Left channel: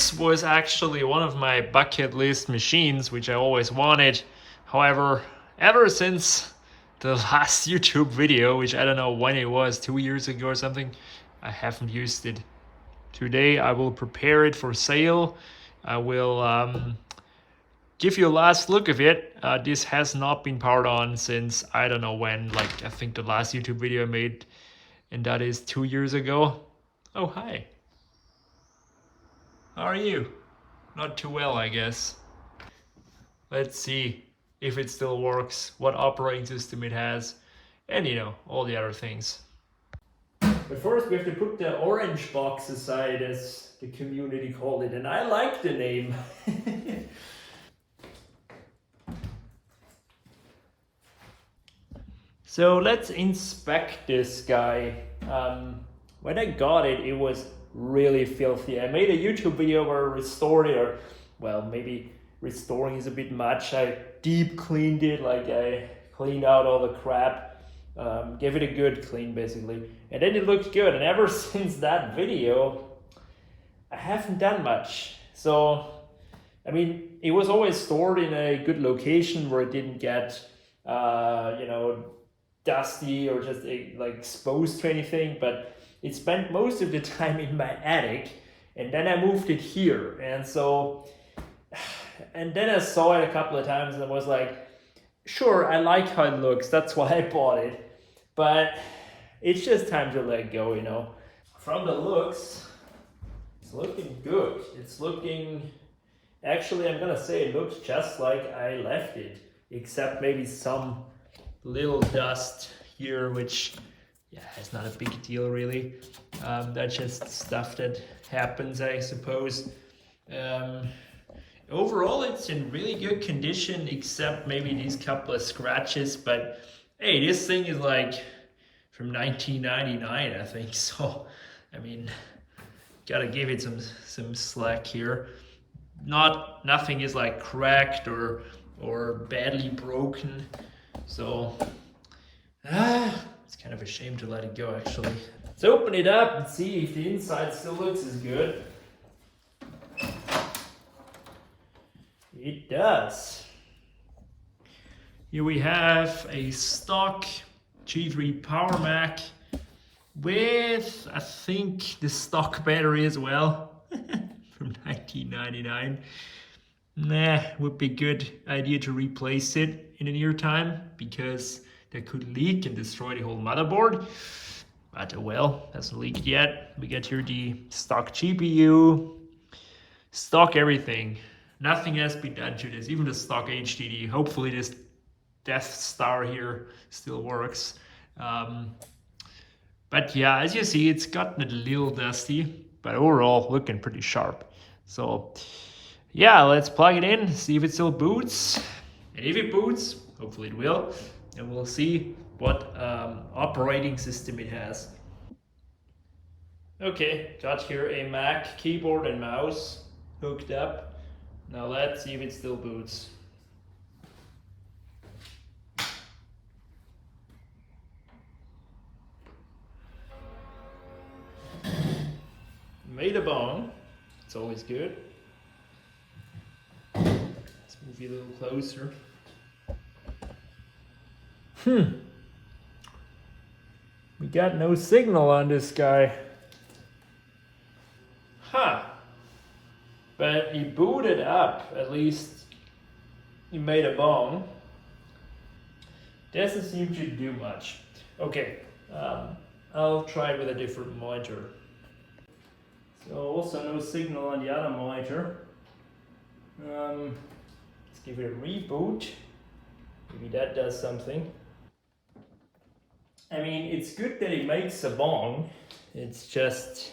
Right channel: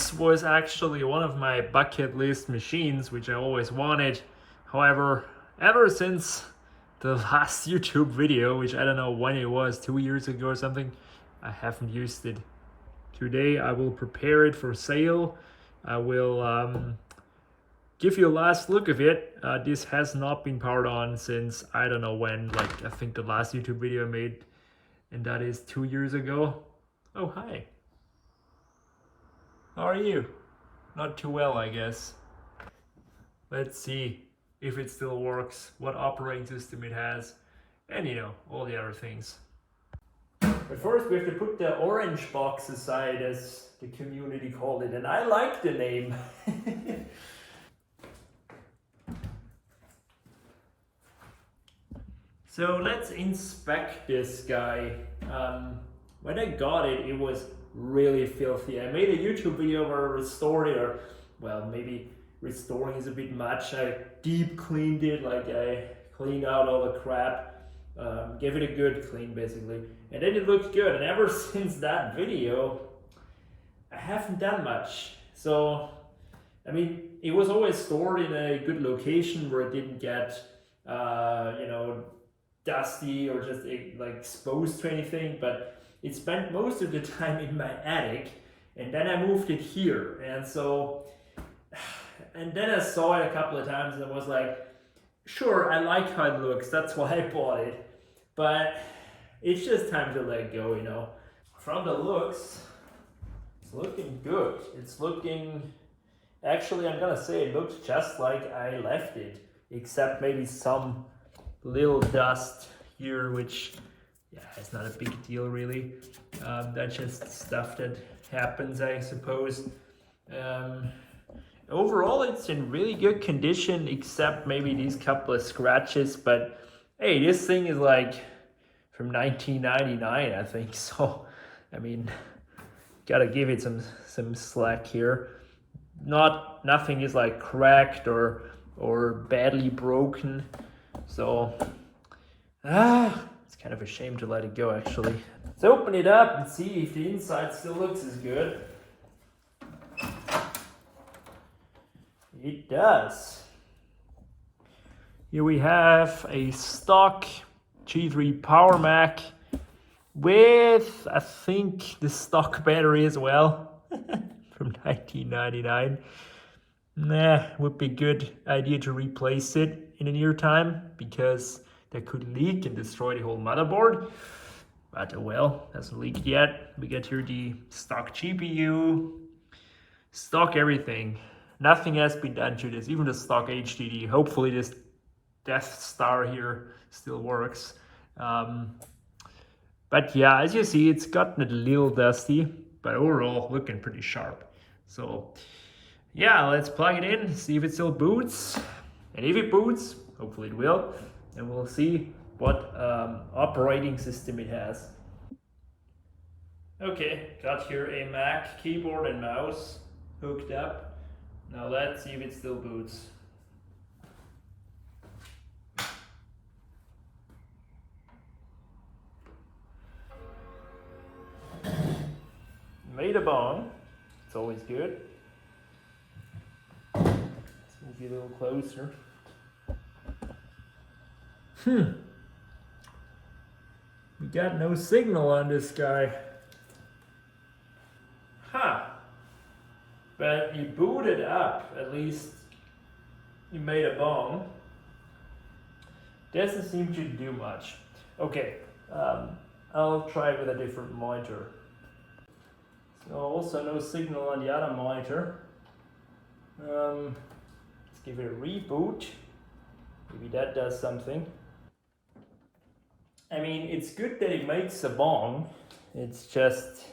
this was actually one of my bucket list machines, which I always wanted. However, ever since the last YouTube video, which I don't know when it was, 2 years ago or something, I haven't used it. Today I will prepare it for sale. I will give you a last look of it. This has not been powered on since I don't know when, like I think the last YouTube video I made, and that is 2 years ago. Oh, hi. How are you? Not too well, I guess. Let's see if it still works, what operating system it has, and you know, all the other things. But first we have to put the orange box aside, as the community called it, and I like the name. So let's inspect this guy. When I got it, it was really filthy. I made a YouTube video where I restored it, or well, maybe restoring is a bit much. I deep cleaned it, like I cleaned out all the crap, gave it a good clean basically, and then it looked good. And ever since that video, I haven't done much. So, I mean, it was always stored in a good location where it didn't get, you know, dusty or just like exposed to anything, but it spent most of the time in my attic, and then I moved it here. And so, and then I saw it a couple of times and I was like, sure, I like how it looks, that's why I bought it, but it's just time to let go, you know. From the looks, it's looking good. It's looking, actually I'm gonna say it looks just like I left it, except maybe some little dust here, which yeah, it's not a big deal really. That's just stuff that happens, I suppose. Overall it's in really good condition, except maybe these couple of scratches, but hey, this thing is like from 1999, I think, so I mean, gotta give it some slack here. Nothing is like cracked or badly broken. So, it's kind of a shame to let it go actually. Let's open it up and see if the inside still looks as good. It does. Here we have a stock G3 Powermac with, I think, the stock battery as well from 1999. Nah, would be a good idea to replace it in the near time, because that could leak and destroy the whole motherboard. But well, hasn't leaked yet. We get here the stock GPU, stock everything. Nothing has been done to this, even the stock HDD. Hopefully this Death Star here still works. But yeah, as you see, it's gotten a little dusty, but overall looking pretty sharp. So yeah, let's plug it in, see if it still boots. And if it boots, hopefully it will, and we'll see what operating system it has. Okay, got here a Mac keyboard and mouse hooked up. Now let's see if it still boots. Made a bong, it's always good. Let's move you a little closer. We got no signal on this guy. Huh. But he booted up, at least he made a bong. Doesn't seem to do much. Okay, I'll try it with a different monitor. So also no signal on the other monitor. Let's give it a reboot. Maybe that does something. I mean, it's good that it makes a bong. It's just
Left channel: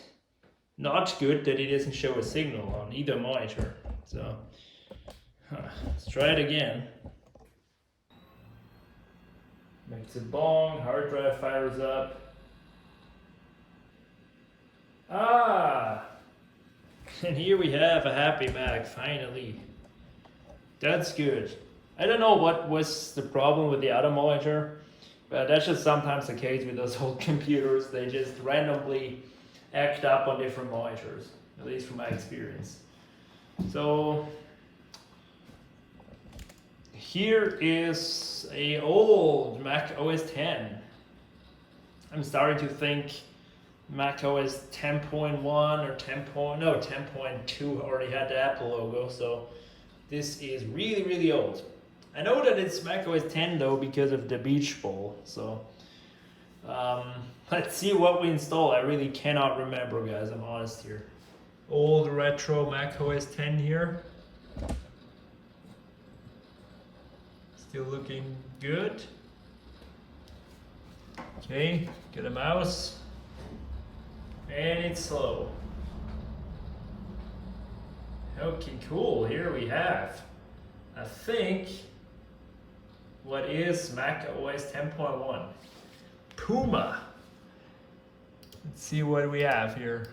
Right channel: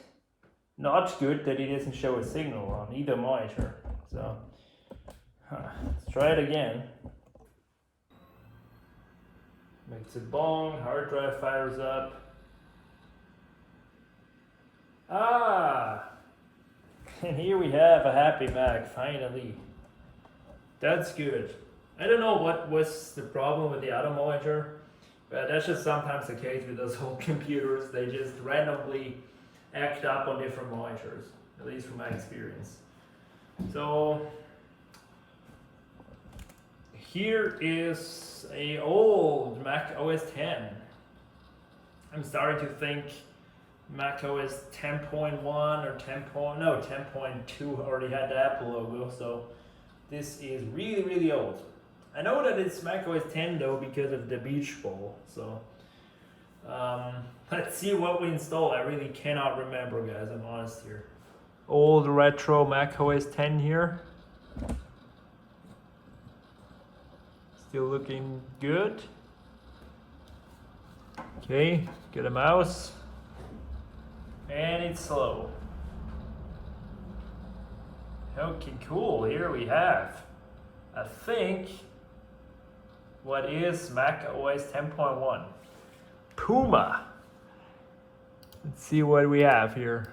not good that it doesn't show a signal on either monitor. So, let's try it again. Makes a bong, hard drive fires up. And here we have a happy Mac, finally. That's good. I don't know what was the problem with the other monitor, but that's just sometimes the case with those old computers. They just randomly act up on different monitors, at least from my experience. So here is a old Mac OS X. I'm starting to think Mac OS 10.1 or 10.2 already had the Apple logo, so this is really, really old. I know that it's Mac OS X though because of the beach ball, so let's see what we install. I really cannot remember, guys, I'm honest here. Old retro Mac OS X here. Still looking good. Okay, get a mouse. And it's slow. Okay, cool. Here we have, I think, what is Mac OS 10.1? Puma. Let's see what we have here.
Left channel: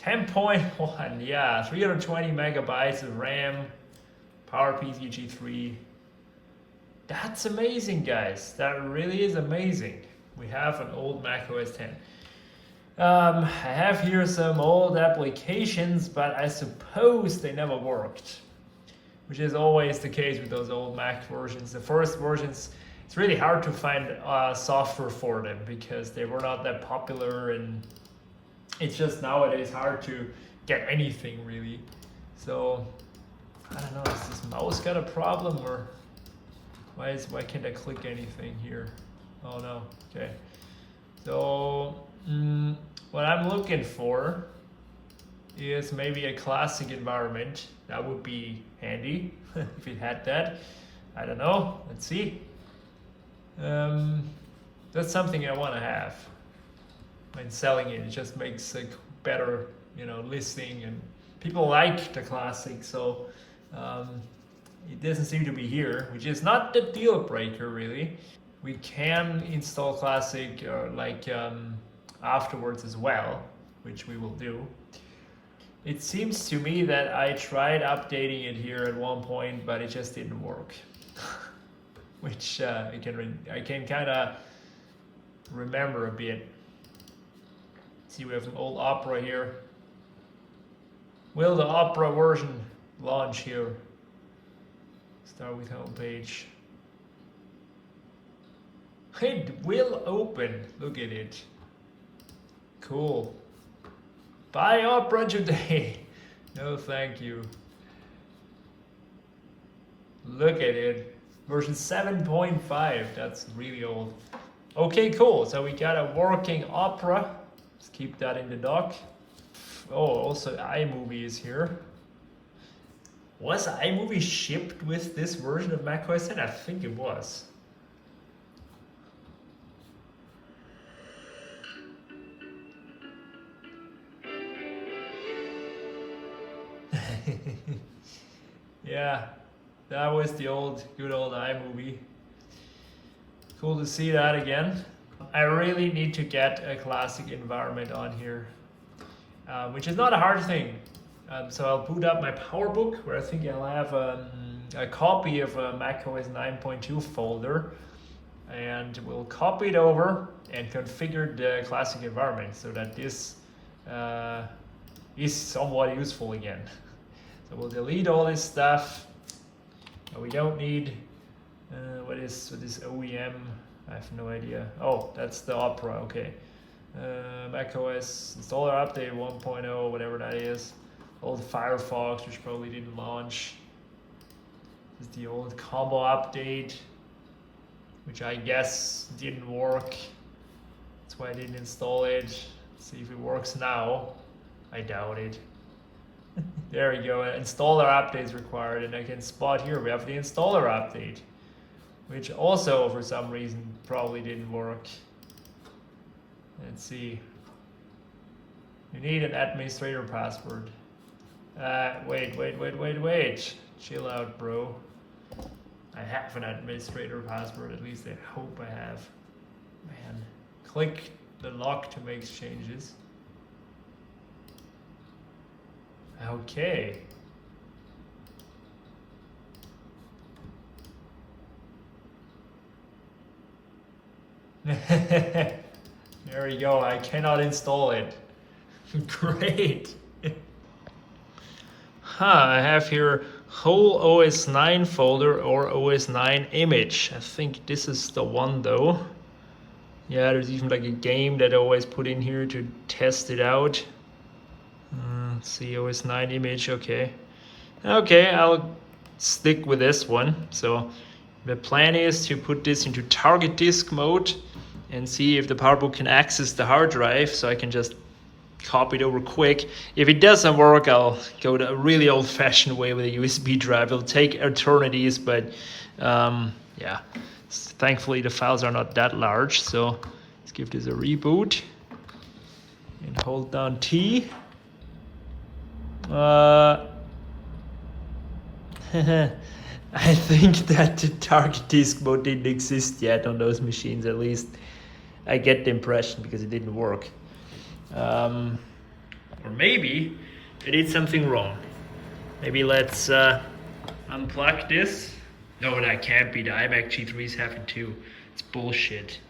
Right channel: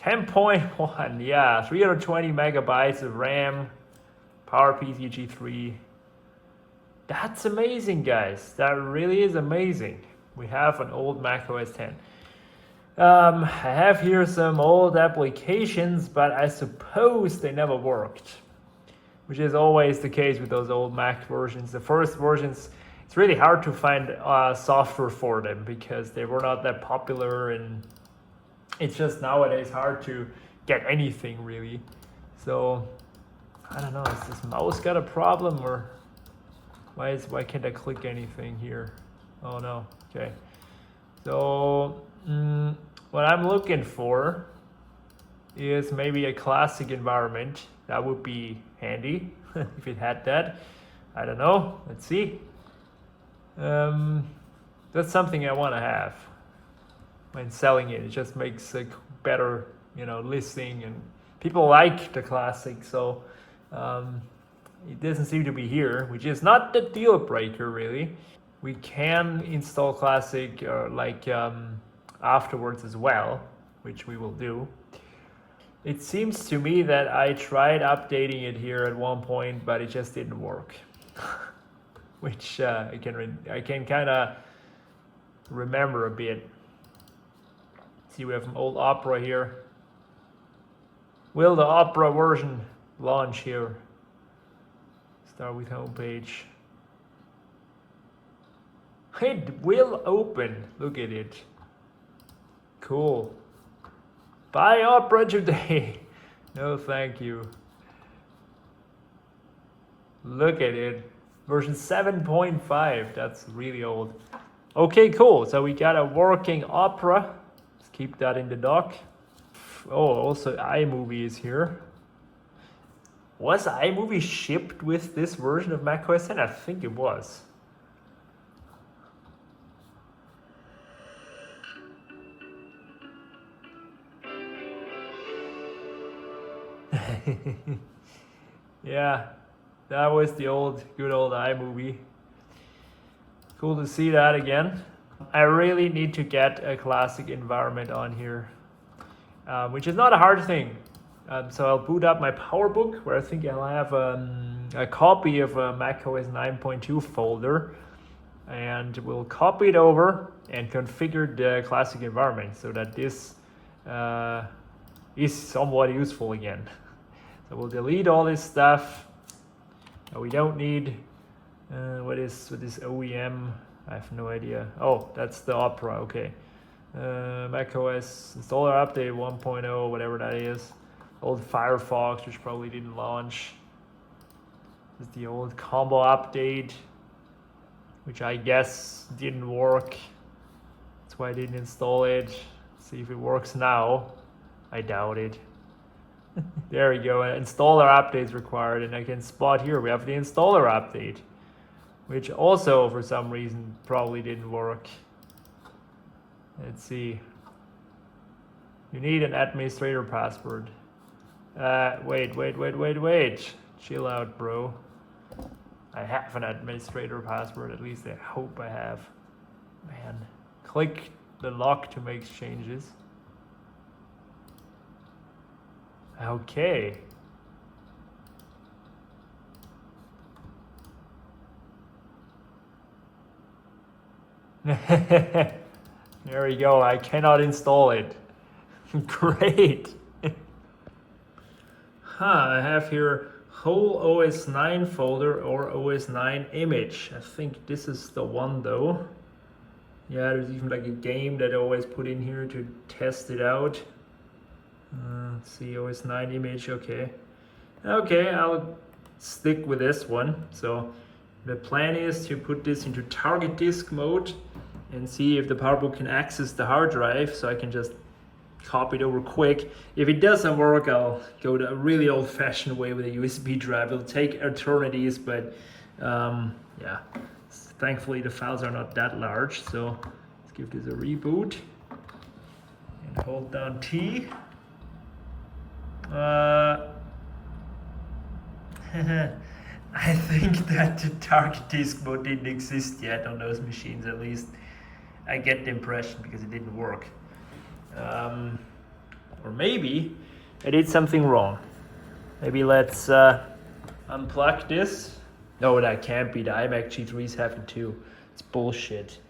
10.1, yeah, 320 megabytes of RAM, Powermac G3. That's amazing, guys. That really is amazing. We have an old Mac OS X. I have here some old applications, but I suppose they never worked, which is always the case with those old Mac versions. The first versions, it's really hard to find software for them because they were not that popular, and it's just nowadays hard to get anything really. So I don't know, is this mouse got a problem, or why can't I click anything here? Oh no, okay. So what I'm looking for is maybe a classic environment. That would be handy if it had that. I don't know, let's see. That's something I want to have when selling it. It just makes a better, listing, and people like the classic, so it doesn't seem to be here, which is not the deal breaker really. We can install classic afterwards as well, which we will do. It seems to me that I tried updating it here at one point, but it just didn't work. Which I can kind of remember a bit. See, we have an old Opera here. Will the Opera version launch here? Start with homepage. It will open. Look at it. Cool. Buy Opera today. No, thank you. Look at it. Version 7.5. That's really old. Okay, cool. So we got a working Opera. Let's keep that in the dock. Oh, also iMovie is here. Was iMovie shipped with this version of macOS X? I think it was. Yeah, that was the good old iMovie. Cool to see that again. I really need to get a classic environment on here, which is not a hard thing. So I'll boot up my PowerBook, where I think I'll have a copy of a macOS 9.2 folder, and we'll copy it over and configure the classic environment so that this is somewhat useful again. So we'll delete all this stuff that we don't need. What is OEM? I have no idea. Oh, that's the Opera, okay. macOS installer update 1.0, whatever that is. Old Firefox, which probably didn't launch. This is the old combo update, which I guess didn't work. That's why I didn't install it. See if it works now. I doubt it. There we go. Installer updates required, and I can spot here we have the installer update, which also for some reason probably didn't work. Let's see. You need an administrator password. Wait. Chill out, bro. I have an administrator password, at least I hope I have. Man, click the lock to make changes. Okay. There we go. I cannot install it. Great. I have here whole OS 9 folder or OS 9 image. I think this is the one though. Yeah, there's even like a game that I always put in here to test it out. Let's see, OS 9 image, okay. Okay, I'll stick with this one. So the plan is to put this into target disk mode and see if the PowerBook can access the hard drive, so I can just copy it over quick. If it doesn't work, I'll go the really old-fashioned way with a USB drive. It'll take eternities, but yeah, thankfully the files are not that large. So let's give this a reboot and hold down T. I think that the target disk mode didn't exist yet on those machines, at least I get the impression, because it didn't work. Or maybe I did something wrong. Maybe let's unplug this. No, that can't be. The iMac G3s have it too. It's bullshit.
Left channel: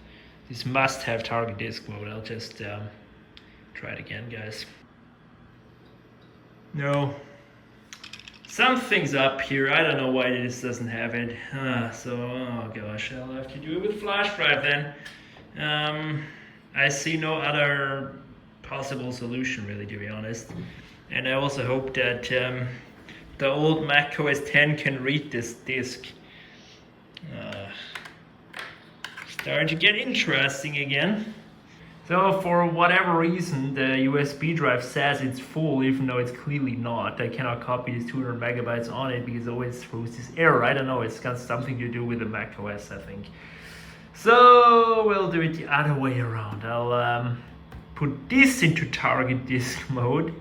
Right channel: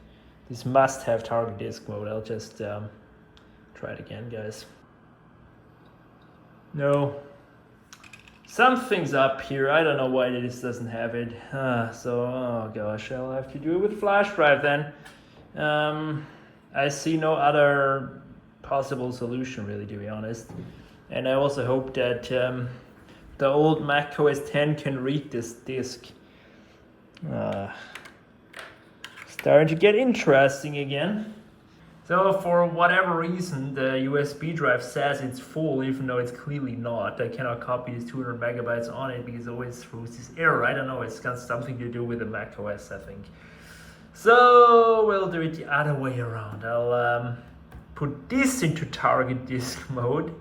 This must have target disk mode. I'll just try it again, guys. No. Something's up here. I don't know why this doesn't have it. Oh gosh, I'll have to do it with flash drive then. I see no other possible solution, really, to be honest. And I also hope that the old Mac OS X can read this disk. Starting to get interesting again. So for whatever reason, the USB drive says it's full, even though it's clearly not. I cannot copy these 200 megabytes on it because it always throws this error. I don't know, it's got something to do with the Mac OS, I think. So we'll do it the other way around. I'll put this into target disk mode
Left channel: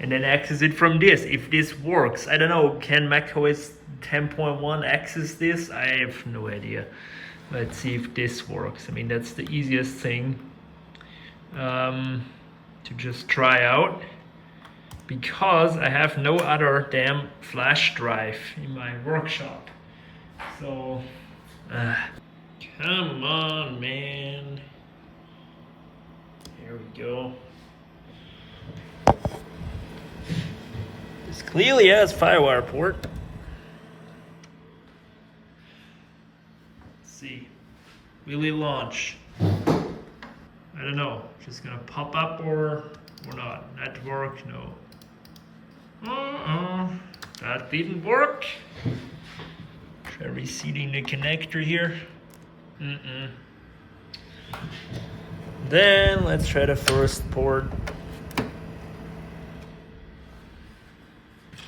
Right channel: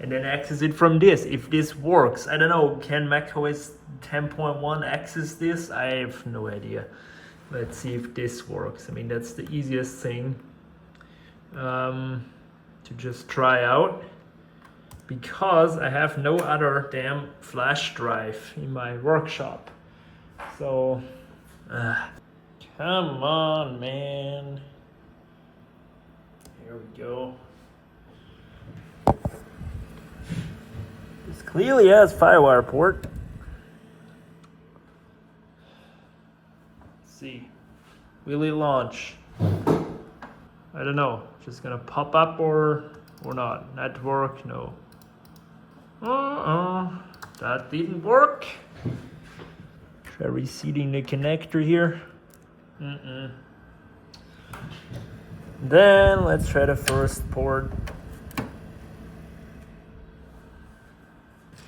and then access it from this, if this works. I don't know, can Mac OS 10.1 access this? I have no idea. Let's see if this works. I mean, that's the easiest thing to just try out, because I have no other damn flash drive in my workshop. So come on, man. Here we go. This clearly has Firewire port. Let's see. Will it launch? I don't know. Just gonna pop up or not. Network, no. That didn't work. Try reseating the connector here. Then let's try the first port.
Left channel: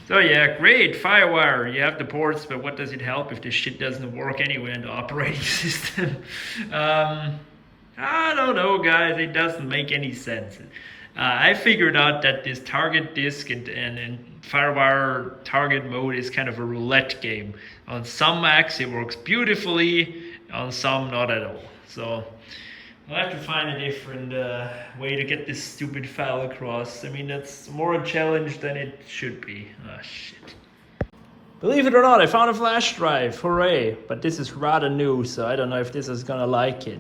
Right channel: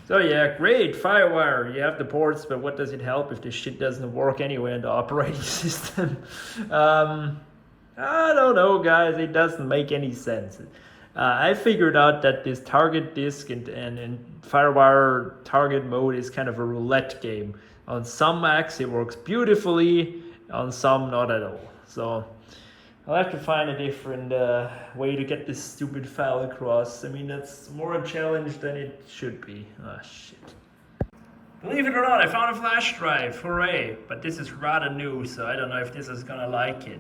So yeah, great, Firewire, you have the ports, but what does it help if this shit doesn't work anyway in the operating system? I don't know, guys, it doesn't make any sense. I figured out that this target disk and Firewire target mode is kind of a roulette game. On some Macs it works beautifully, on some not at all. So I'll have to find a different way to get this stupid file across. I mean, that's more a challenge than it should be. Ah, shit. Believe it or not, I found a flash drive, hooray. But this is rather new, so I don't know if this is gonna like it.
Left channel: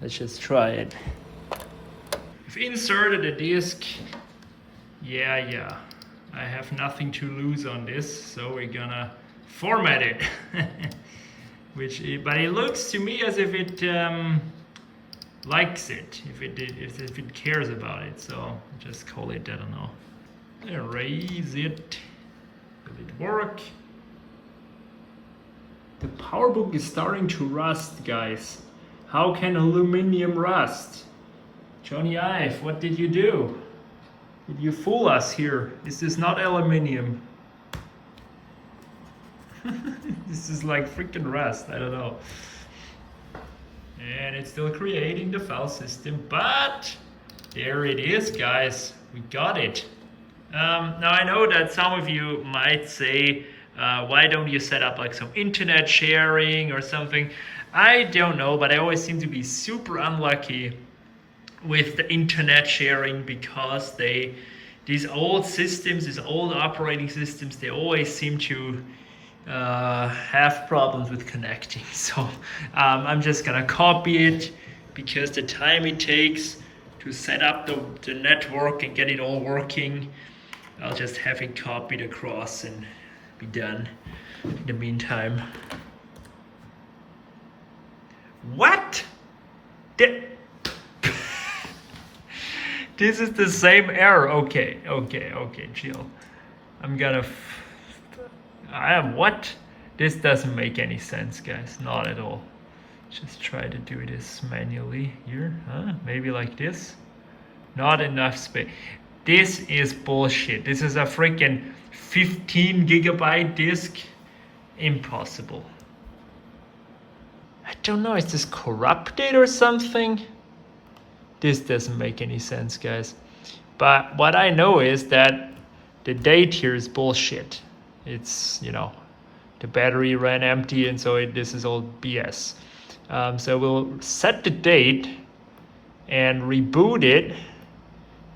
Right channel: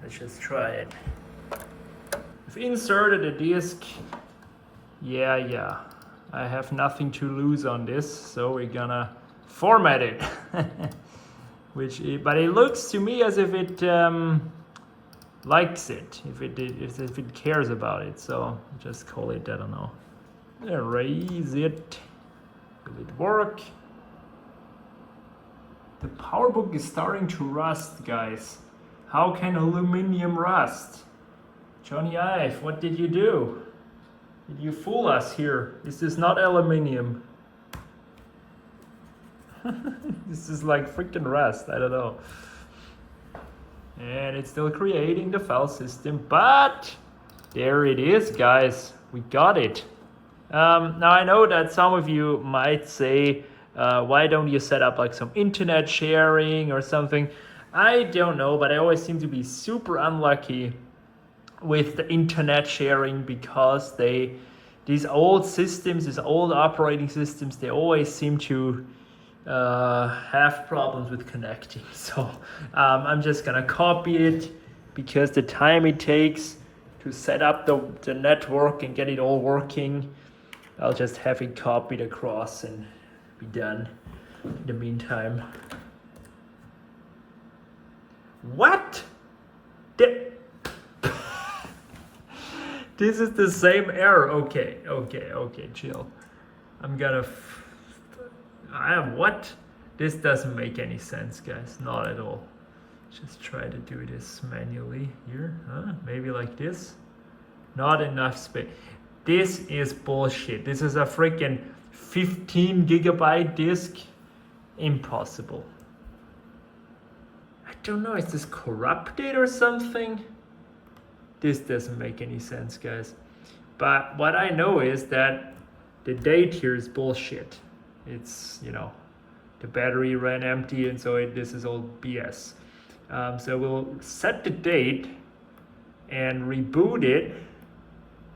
Let's just try it. I've inserted a disk. Yeah. I have nothing to lose on this, so we're gonna format it. But it looks to me as if it likes it, if it cares about it. So just call it, I don't know, erase it. Will it work? The PowerBook is starting to rust, guys. How can aluminum rust? Johnny Ive, what did you do? Did you fool us here? This is not aluminium. This is like freaking rust, I don't know. And it's still creating the file system, but there it is, guys. We got it. Now I know that some of you might say, why don't you set up like some internet sharing or something? I don't know, but I always seem to be super unlucky with the internet sharing, because these old systems, these old operating systems, they always seem to have problems with connecting. So I'm just gonna copy it, because the time it takes to set up the network and get it all working, I'll just have it copied across and be done in the meantime. What? This is the same error. Okay, chill. What? This doesn't make any sense, guys. Not at all. Just try to do this manually here. Huh? Maybe like this. Not enough space. This is bullshit. This is a freaking 15 gigabyte disk. Impossible. I don't know, is this corrupted or something? This doesn't make any sense, guys. But what I know is that the date here is bullshit. It's, you know, the battery ran empty, and so this is all BS. So we'll set the date and reboot it.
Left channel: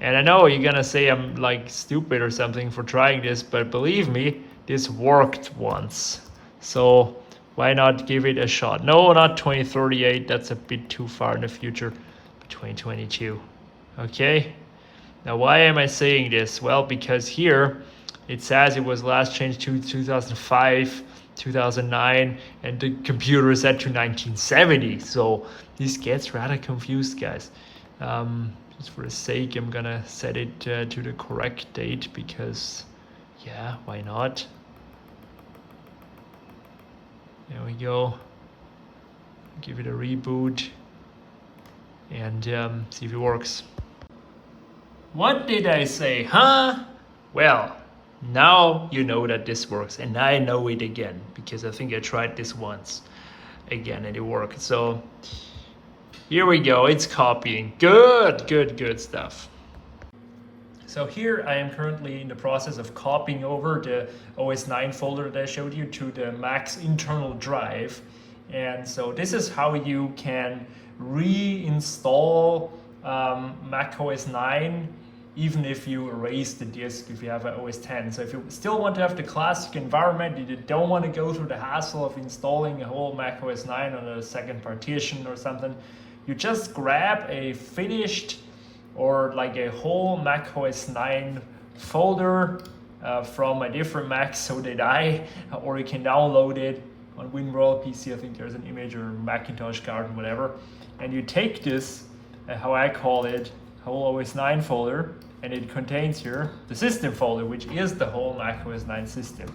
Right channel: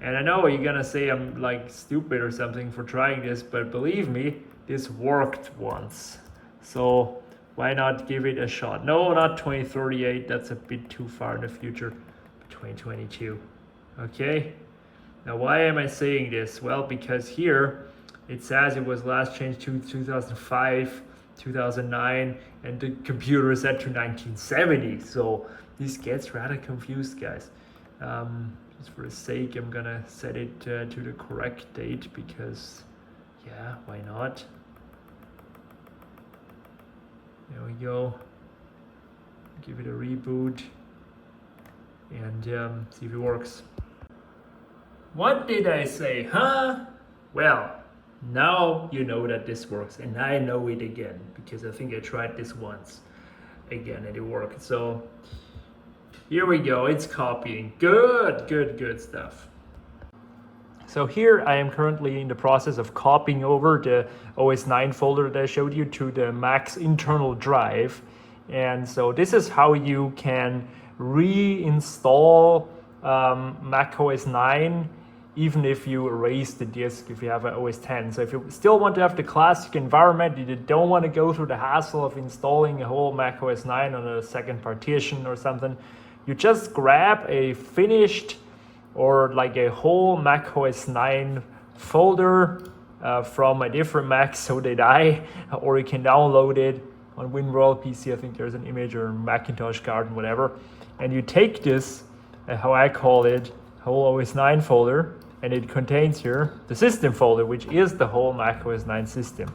And I know you're gonna say I'm like stupid or something for trying this, but believe me, this worked once. So why not give it a shot? No, not 2038, that's a bit too far in the future. 2022. Okay, now why am I saying this? Well, because here it says it was last changed to 2005, 2009, and the computer is set to 1970. So this gets rather confused, guys. Just for the sake, I'm gonna set it to the correct date because, yeah, why not? There we go. Give it a reboot and see if it works. What did I say, huh? Well, now you know that this works, and I know it again because I think I tried this once again and it worked. So here we go, it's copying. Good stuff. So here I am currently in the process of copying over the OS 9 folder that I showed you to the Mac's internal drive. And so this is how you can reinstall Mac OS 9 even if you erase the disk if you have an OS 10. So if you still want to have the classic environment, you don't want to go through the hassle of installing a whole Mac OS 9 on a second partition or something, you just grab a finished or like a whole Mac OS 9 folder from a different Mac, so did I, or you can download it on WinWorld PC. I think there's an image, or Macintosh Garden, whatever. And you take this, how I call it, whole OS 9 folder, and it contains here the system folder, which is the whole Mac OS 9 system.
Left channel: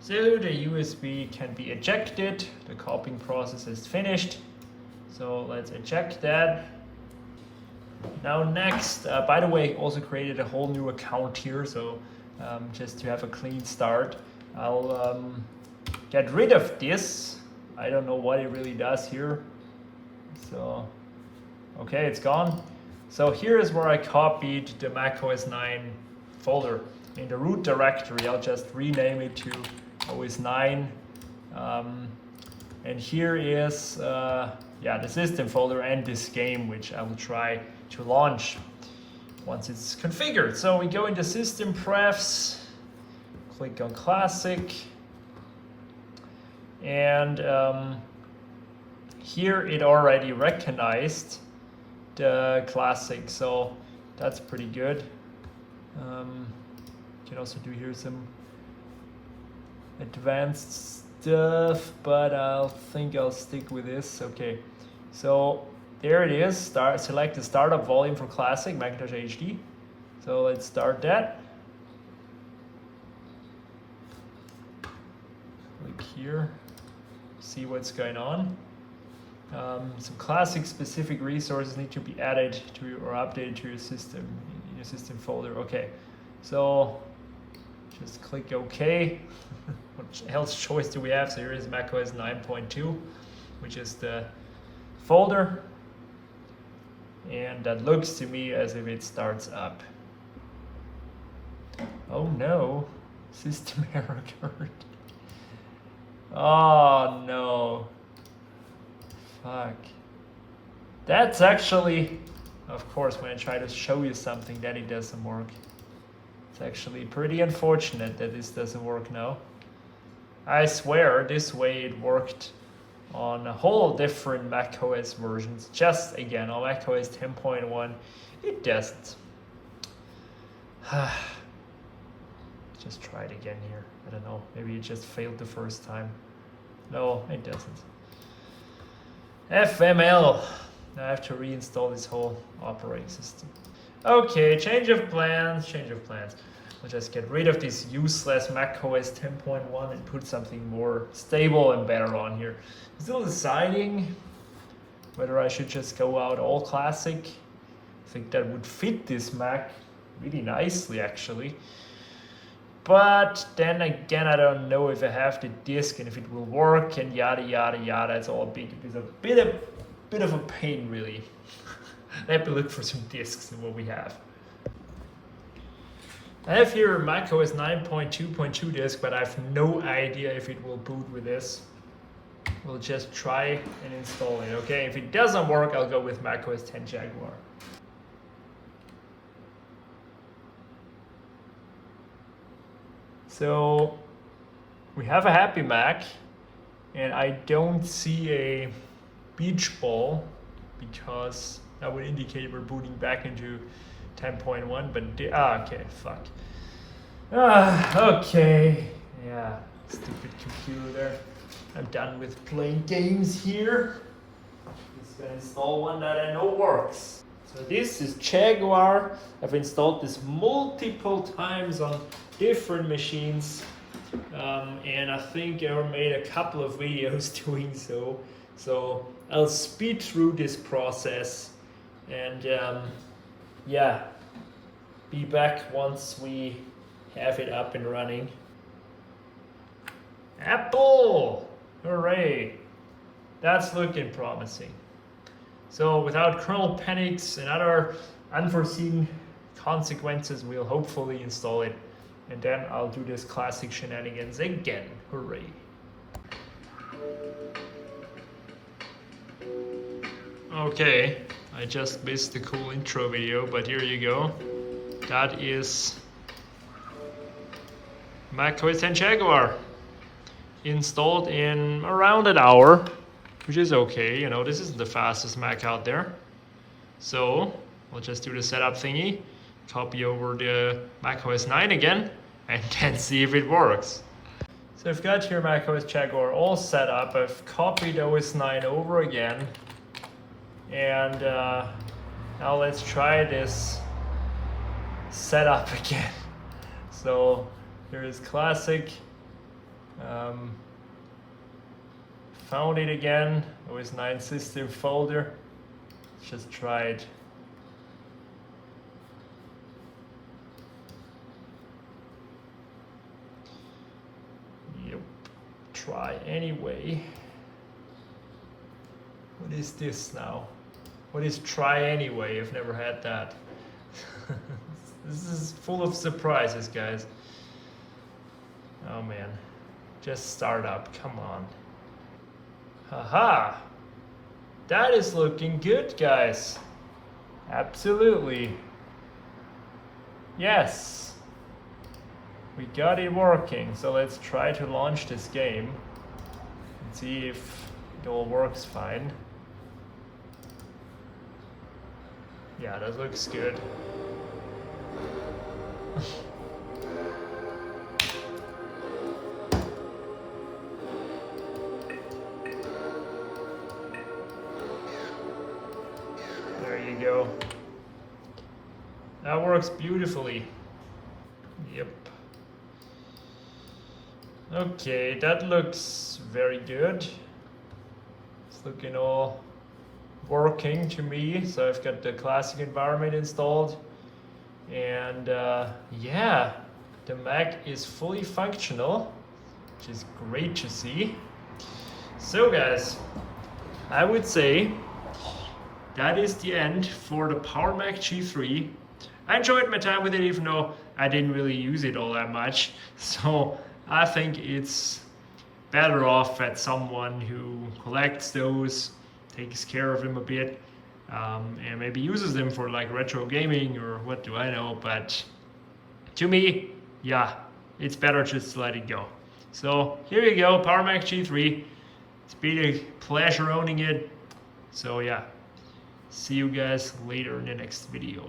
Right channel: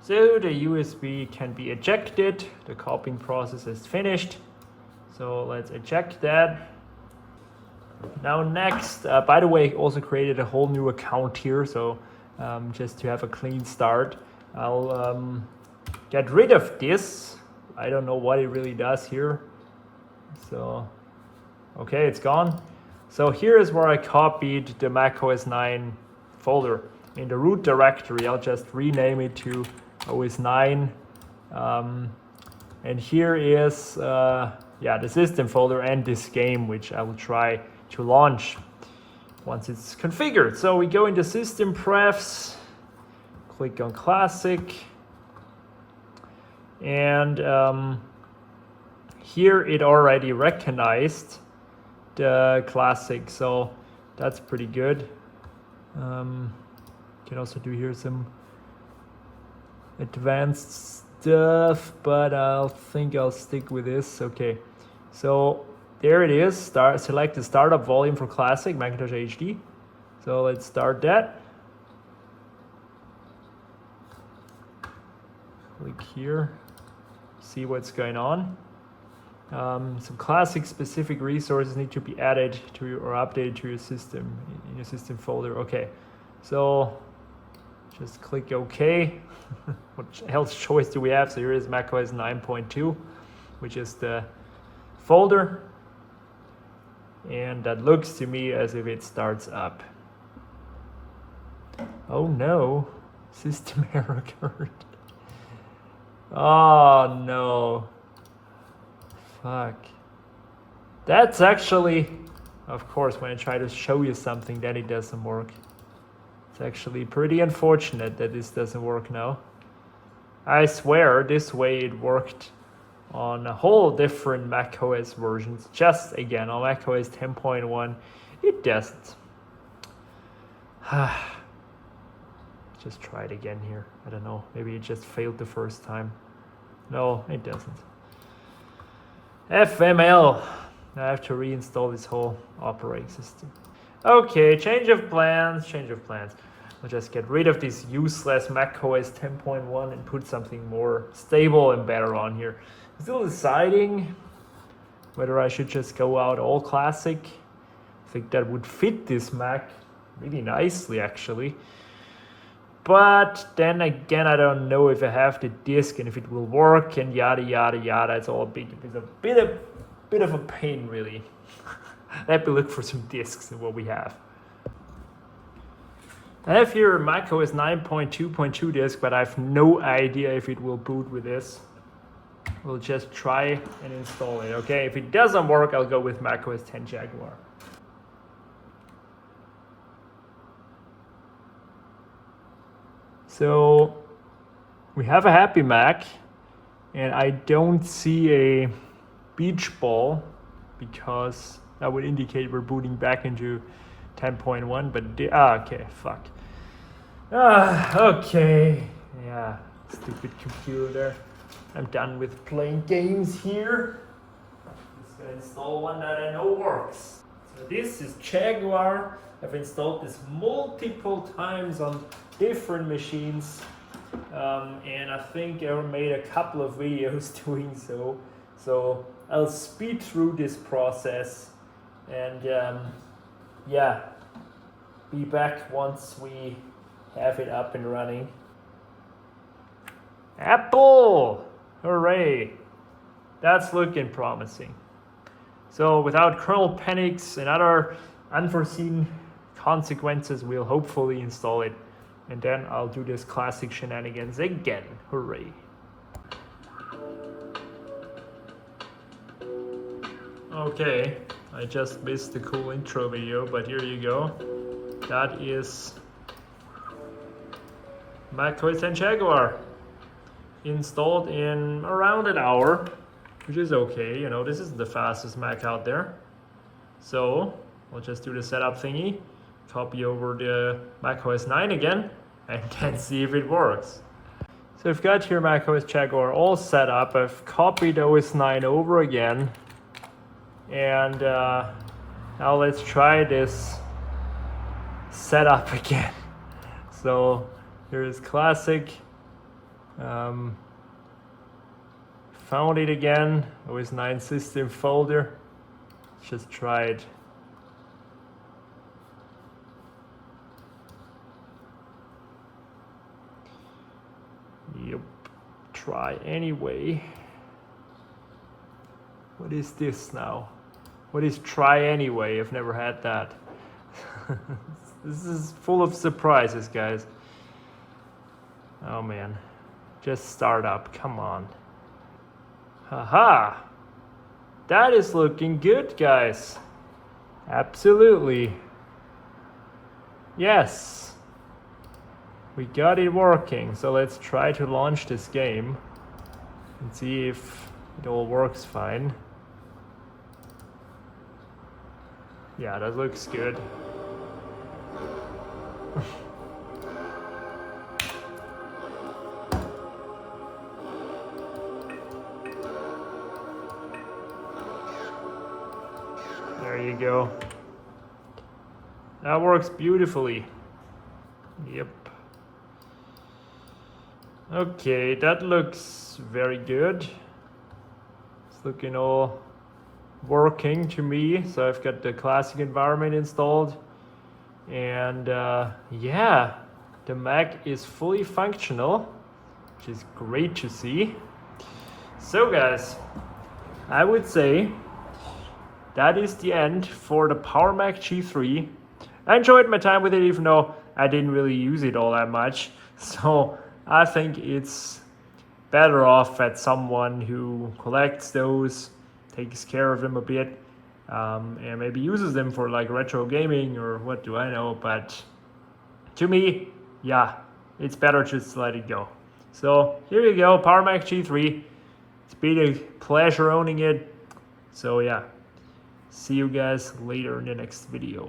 So the USB can be ejected. The copying process is finished. So let's eject that. Now next, by the way, also created a whole new account here, so just to have a clean start. I'll get rid of this. I don't know what it really does here. So, okay, it's gone. So here is where I copied the Mac OS 9 folder. In the root directory, I'll just rename it to OS 9. And here is the system folder and this game, which I will try to launch once it's configured. So we go into system prefs, click on classic, and here it already recognized the classic, so that's pretty good. Can also do here some advanced stuff, but I think I'll stick with this. Okay, so there it is. Select the startup volume for classic Macintosh HD. So let's start that. Click here, see what's going on. Some classic specific resources need to be added to your, or updated to your system, in your system folder. Okay, so just click OK. What else choice do we have? So here is macOS 9.2, which is the folder. And that looks to me as if it starts up. Oh no, system error occurred. Oh no. Fuck. That's actually, of course, when I try to show you something that it doesn't work. It's actually pretty unfortunate that this doesn't work now. I swear this way it worked on a whole different macOS versions. Just again on macOS 10.1, it doesn't. Just try it again here. I don't know. Maybe it just failed the first time. No, it doesn't. FML. I have to reinstall this whole operating system. Okay, change of plans. I'll just get rid of this useless macOS 10.1 and put something more stable and better on here. Still deciding whether I should just go out all classic. I think that would fit this Mac really nicely actually. But then again, I don't know if I have the disk and if it will work and yada yada yada. It's all a bit of a pain really. Let me look for some disks and what we have. I have here a macOS 9.2.2 disk, but I have no idea if it will boot with this. We'll just try and install it, okay? If it doesn't work, I'll go with macOS 10 Jaguar. So we have a happy Mac, and I don't see a beach ball because that would indicate we're booting back into 10.1, but okay, fuck. Okay, yeah, stupid computer. I'm done with playing games here. Just gonna install one that I know works. So this is Jaguar. I've installed this multiple times on different machines, and I think I made a couple of videos doing so. So I'll speed through this process and yeah, be back once we have it up and running. Apple! Hooray! That's looking promising. So without kernel panics and other unforeseen consequences, we'll hopefully install it. And then I'll do this classic shenanigans again. Hooray! Okay, I just missed the cool intro video, but here you go. That is macOS 10 Jaguar. Installed in around an hour, which is okay. You know, this isn't the fastest Mac out there. So we'll just do the setup thingy, copy over the macOS 9 again, and then see if it works. So I've got here macOS Jaguar all set up. I've copied OS 9 over again. And now let's try this setup again. So here is classic. Found it again, OS 9 system folder. Let's just try it. Yep, try anyway. What is this now? What is try anyway? I've never had that. This is full of surprises, guys. Oh man. Just start up, come on. Haha! That is looking good, guys. Absolutely. Yes. We got it working. So let's try to launch this game and see if it all works fine. Yeah, that looks good. There you go. That works beautifully. Yep. Okay, that looks very good. It's looking all working to me. So I've got the classic environment installed, and yeah, the Mac is fully functional, which is great to see. So guys, I would say that is the end for the Powermac G3. I enjoyed my time with it, even though I didn't really use it all that much. So I think it's better off at someone who collects those, takes care of them a bit, and maybe uses them for like retro gaming or what do I know. But to me, yeah, it's better just to let it go. So here you go, Powermac G3. It's been a pleasure owning it. So yeah, see you guys later in the next video.